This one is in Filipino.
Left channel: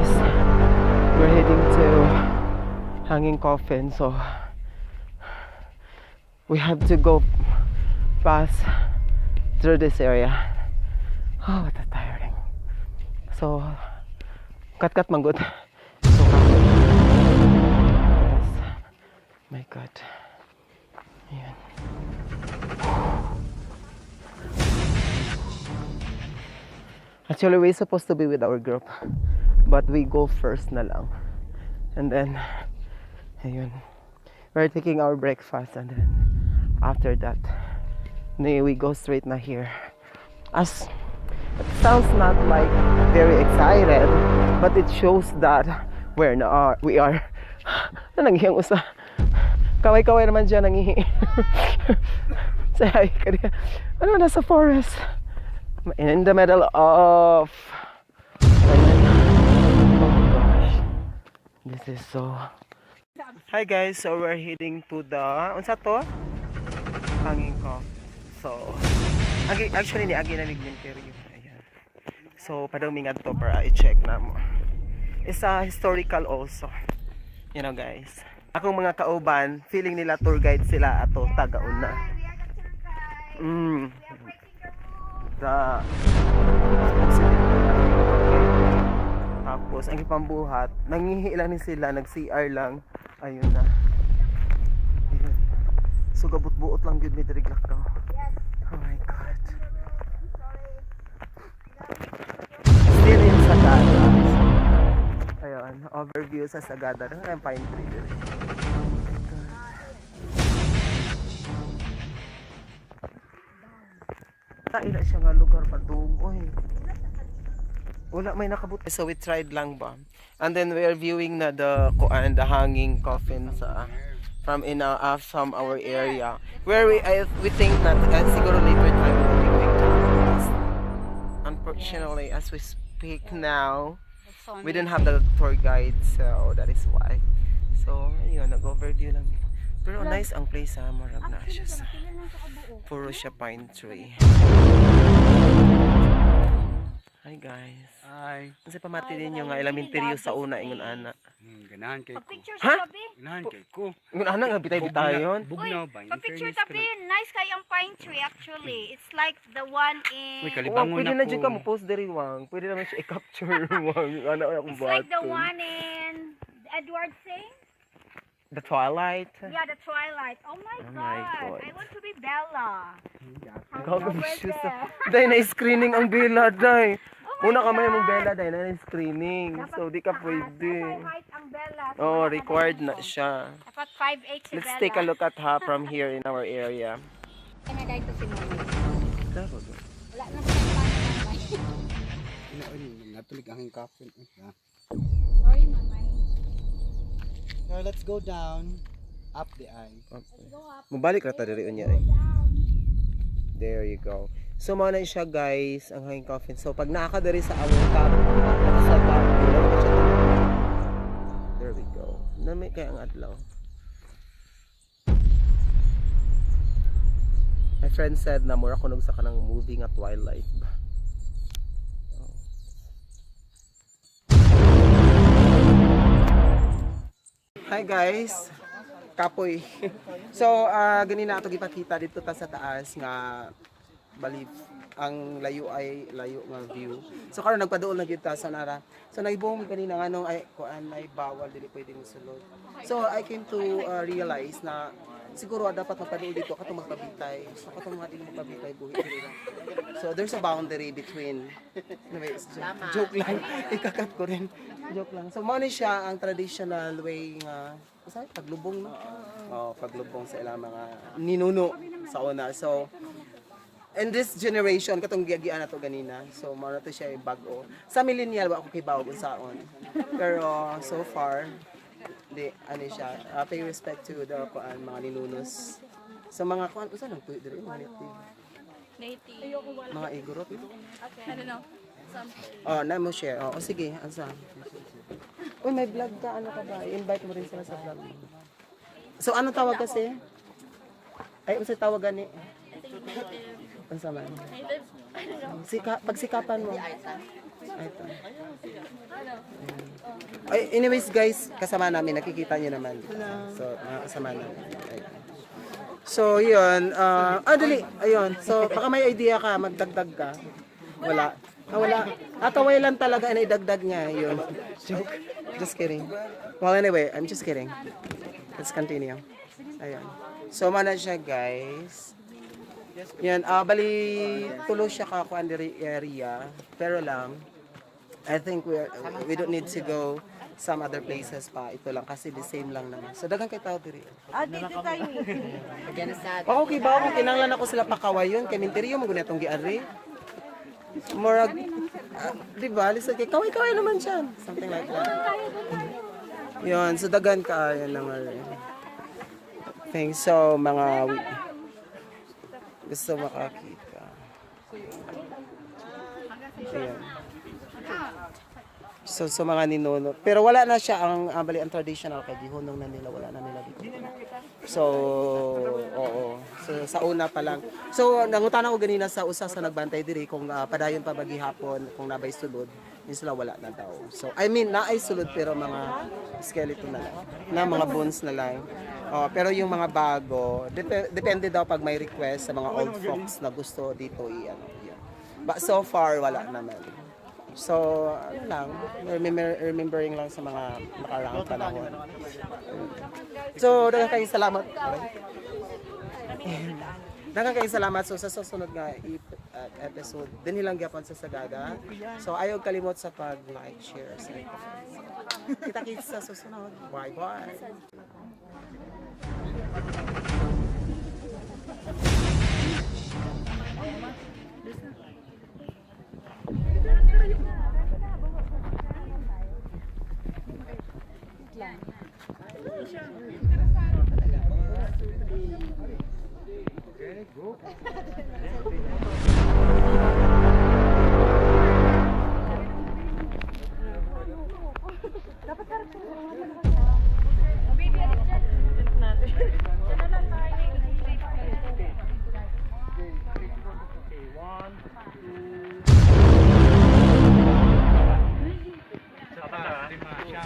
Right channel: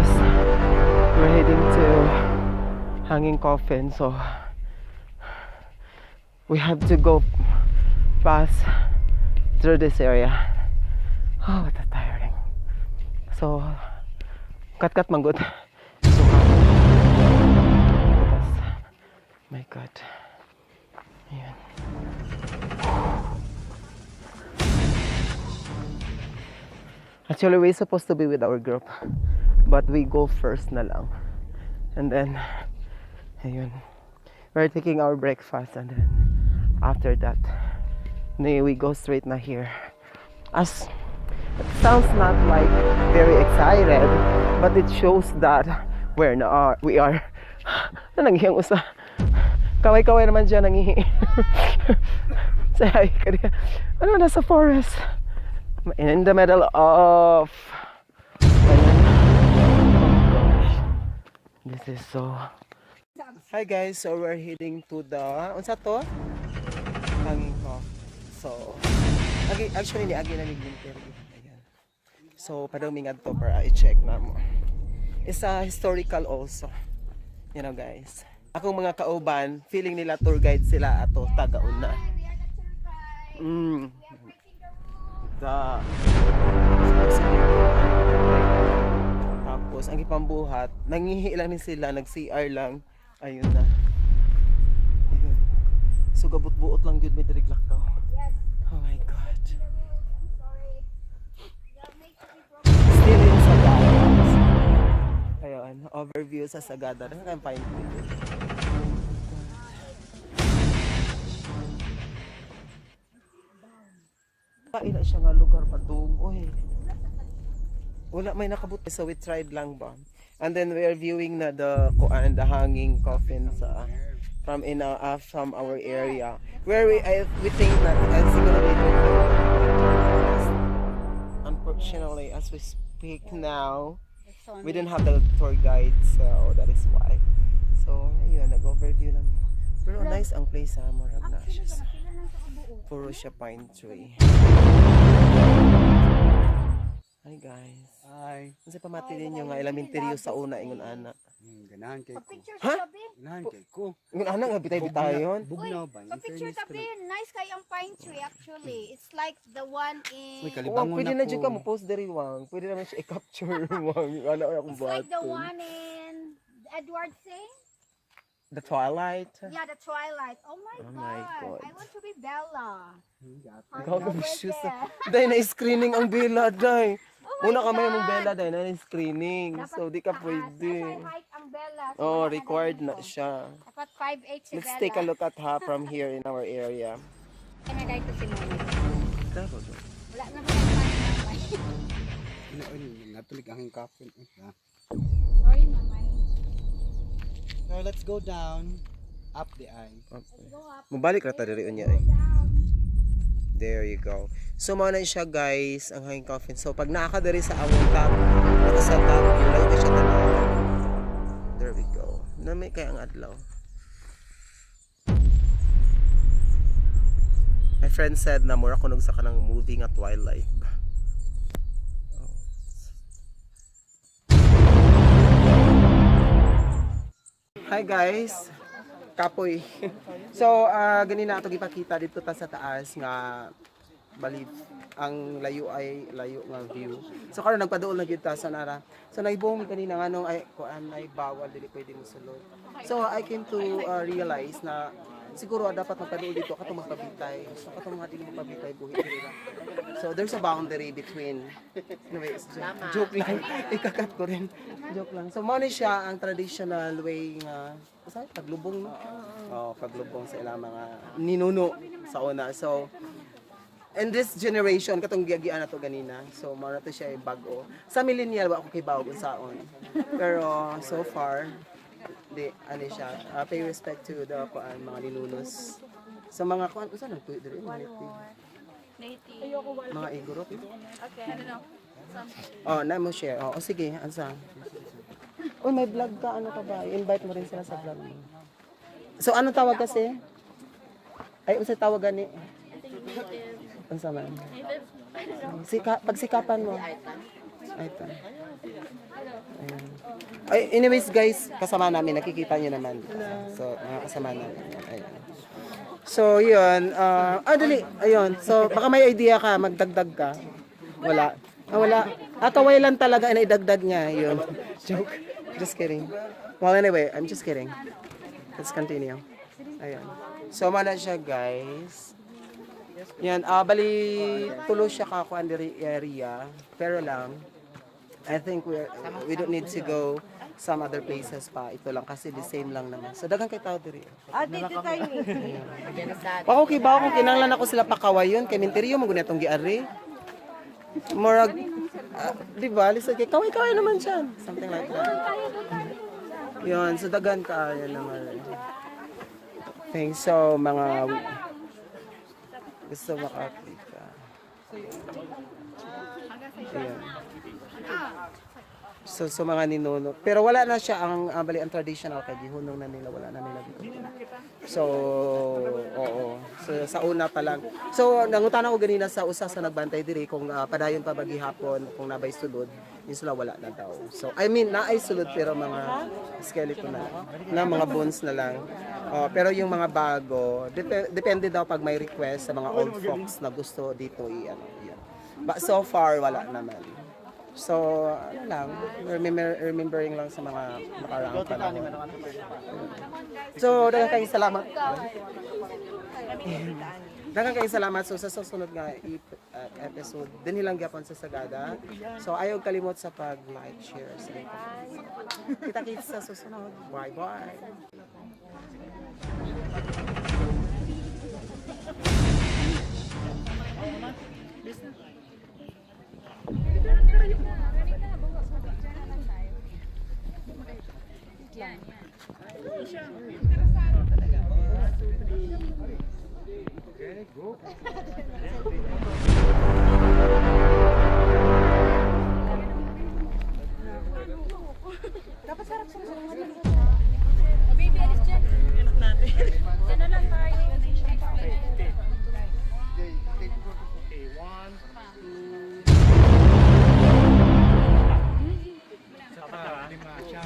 guys, we're heading to Hanging Coffin, so we have to go past through this area. Oh, what a tiring. So cut man good. So my god. Ayan. Actually, we're supposed to be with our group, but we go first na lang. And then, ayun, we're taking our breakfast, and then after that, we go straight na here. As it sounds not like very excited, but it shows that we are. Nanghihang usa. Kaway-kaway naman siya nanghihi. Say ka diya. Ano, nasa forest. In the middle of, oh gosh, this is so. Hi guys, so we're heading to the unsa to? Hanging Coffin. So actually ni agi na interview. Ayan. So padawing adto para i-check na mo. It's a historical also. You know guys, akong mga kauban feeling nila tour guide sila ato taga-una. Tapos ang ipambuhat nanghihi lang ni sila, nag-CR lang, ayun na, ayun. So gabut-buot lang yun, may diriglak ka. Oh my god, still in Sagada. Ayun, overview sa Sagada. Nakakayang pine tree. Ila siya nga lugar padung. Oy. Wala may nakabuti. So we tried lang ba. And then we are viewing na the hanging coffin from our area. Where we think that siguro later time we'll be going to. Unfortunately, as we speak now, we didn't have the tour guide, so that is why. So ayun, nag-overview lang. Pero nice ang place ha, marag na siya sa puro siya pine tree. Hi guys. Hi. Kasi pamati din yung elementaryo sa una ingon ana. Ganahan kay ko. Ha? Ganahan kay ko. Ingon ana nga bitay-bitay yon. Bugnaw ba? Picture tabi, nice kay ang pine tree actually. It's like the one in. Uy, Wang, kalibangon pwede na na dyan ka mo post diri wang. Pwede naman siya i-capture wang. Ano akong It's like the baton. one in Edward Sing. The Twilight. Yeah, the Twilight. Oh my god. I want to be Bella. Ikaw ka shoes. Day na screening ang Bella day. Una ka may mong Bella day na screening. So di ka pwede. Height ang Bella. Oh, required na siya. Dapat 5'8" si Let's Bella. take a look at her from here in our area. Kaya na to si Mami. Taro. Wala na ba kayong Mami? Natulig ang coffin. Sorry, Mami. So let's go down, up the eye. Okay. Mubalik na tayo rin niya eh. There you go. So muna siya guys, ang hanging coffin. So pag nakakadari sa among top, naka sa top view, layo ka siya tanaw. There we go. Nami kaya ang adlaw. My friend said na mura kunog sa kanang movie nga Twilight ba. Oh. Hi guys. Kapoy. So ganina ato gipakita dito ta sa taas nga bali ang layo nga view. So karon nagpaduol na gyud ta sa nara. So naibong kanina nganong ay kuan ay bawal dili pwede mo sulod. So I came to realize na siguro dapat magpaduol dito katong magpabitay. So katong mga dili magpabitay buhi diri ra. So there's a boundary between joke lang. Ikakat ko rin. Joke lang. So mo ni siya ang traditional way nga paglubong no. Oh, paglubong sa ilang mga ninuno sa una. So in this generation katong giagian nato ganina. So mao na to siya bag-o. Sa millennial wa ako kay bawog unsaon. Pero so far di ani siya pay respect to the mga ninunos. Sa mga kuan usa nang tuyo diri mga native. Mga igorot. Oh, na mo share. Oh, sige, asa. Uy, may vlog ka, ano ka ba? I-invite mo rin sila sa vlog mo. So, ano tawag kasi? Ay, usa tawag gani. Ano sa man? Pagsikapan mo. Ito. Ay, anyways guys, kasama namin, nakikita nyo naman. So, mga kasama namin. Ayun. So, yun. Dali. Ayun. So, baka may idea ka, magdagdag ka. Wala. Wala. Kaway lang talaga na idagdag niya. Yun. Just kidding. Well, anyway, I'm just kidding. Let's continue. Ayun. So, mana siya, guys. Yan. Bali, tulo siya ka kuan diri area. Pero lang, I think we don't need to go some other places pa. Ito lang kasi the same lang naman. So, dagang kay tayo diri. Dito tayo. Okay ba? Kinanglan ako sila pakawayon. Kay minteriyo mo gunetong giari. Murag, di ba? Lisa kay kaway-kaway naman siya. Something like that. Yun, so dagan ka. Yan lang. Thanks. So, mga gusto makakita. Ayan. So mga ninono. Pero wala na siya ang bali ang traditional kay gihunong na nila, wala na nila dito. So, oo. So sa una pa lang. So nangutan ako ganina sa usa sa nagbantay diri kung padayon pa bagi hapon kung nabay sulod, yun sila wala na daw. So I mean naay sulod pero mga skeleton na lang. Na mga bones na lang. Pero yung mga bago, depende daw pag may request sa mga old folks na gusto dito i-ano. Yan. But so far wala naman. So, ano lang, remembering lang sa mga nakaraang panahon. So, daghang kayong salamat. Daghang kayong salamat. So, sa susunod nga episode, din nilang gyapon sa Sagada. So, ayaw kalimot sa pag-like, share, sige. Kita-kits sa susunod. Bye-bye. Dapat sarap sa baby, alis dyan. Natin. Dyan na lang tayo. Okay, 1, 2. Saka 5 siya.